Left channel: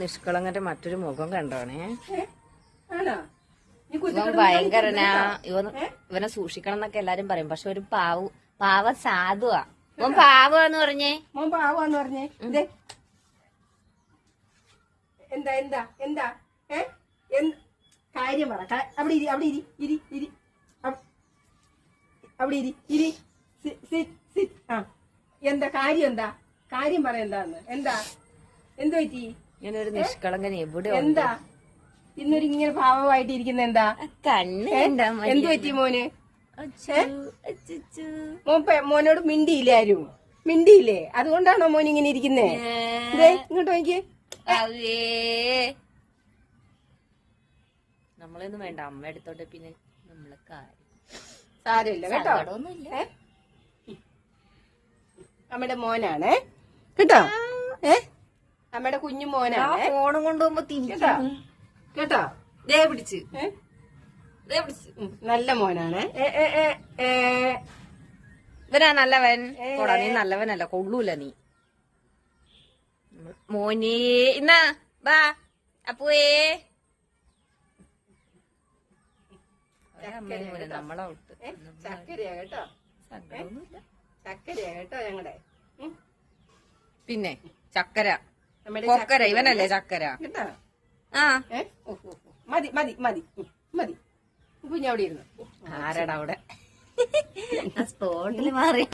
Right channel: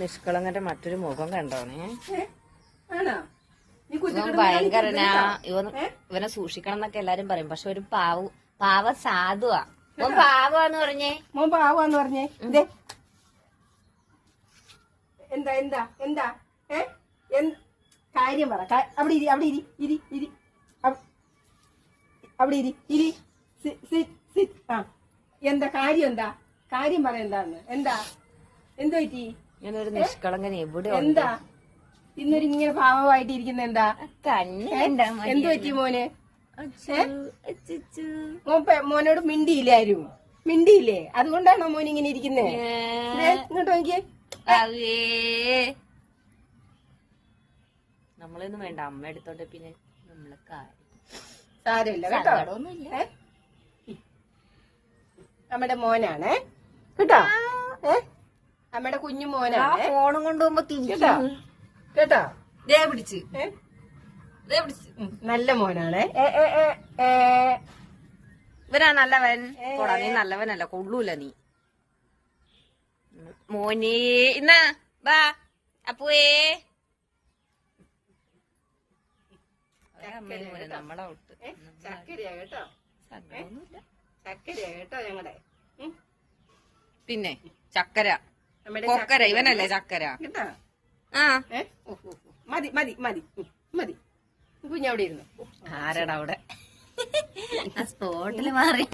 നിഷ്കളങ്കന്റെ മറ്റൊരു മുഖം കണ്ടോണേ. ഭയങ്കരനാ. ഇവനെ സൂക്ഷിക്കണം എന്നൊക്കെ എല്ലാരും പറയും. പക്ഷെ ഒരു പാവ സാധുവാ. മോൻ പാവാന്ന് പറഞ്ഞേ. മോൻ പാവാന്ന് പറഞ്ഞേ. എന്താ എന്താ എന്താ കാര്യം പറ. അവിടെ ഇരി, അവിടെ ഇരി, ഇരി ഇരി, അവിടെ ഇരി, ഇരി. എന്താ കാര്യം? എന്താ കാര്യം പറ. എന്താന്ന് എന്താ എന്ത് പറ്റി? ഇങ്ങനൊരു നിഷ്കളങ്കൻ എവിടെ എന്താ ഇന്നൊരു ഇങ്ങനെ പാവമായിട്ട് ഇരിക്കുന്ന? എന്താ എന്ത് പറ്റി മോന്? മോനോട് മിണ്ടിയില്ലേ ആരും? മിണ്ടിയില്ലേ? അതുകൊണ്ടാണോ മോൻ ഇങ്ങനെ ഇരിക്കുന്നേ? ഇങ്ങോട്ട് നോക്കിയേ. നമ്മളൊന്നും വേണ്ട, അമ്മ എടുത്തോട്ടെ. പിന്നെ നമ്മള് സാരമില്ല കേട്ടോ. നമ്മുടെ മോനാണ് കേട്ടോ. നമ്മുടെ കുഞ്ഞു മോനാണ്. ഫോണും കൊണ്ടുപോകുമ്പോ കേട്ടോ കേട്ടോ. പിടിച്ച് നല്ല മോനാണ്. ഇവനാ നല്ലവൻ. പോടാ, നീ നല്ലവനല്ല, കൊള്ളൂല നീ. മോനെ ഇന്നാ ബാ അപ്പുവേ. നമ്മളെ ചക്കരയാ കേട്ടോ. ചക്കരയാ കേട്ടോ ഞങ്ങളുടെ. പിന്നെ ചക്കര കൊക്കര ഇവനല്ലേ ചക്കര കേട്ടോ. ആ മതി മതി മതി മതി. കുഞ്ഞവിടെ ഇരുന്നു. ആരടാ അവിടെ സ്പോട്ടില് മാറി.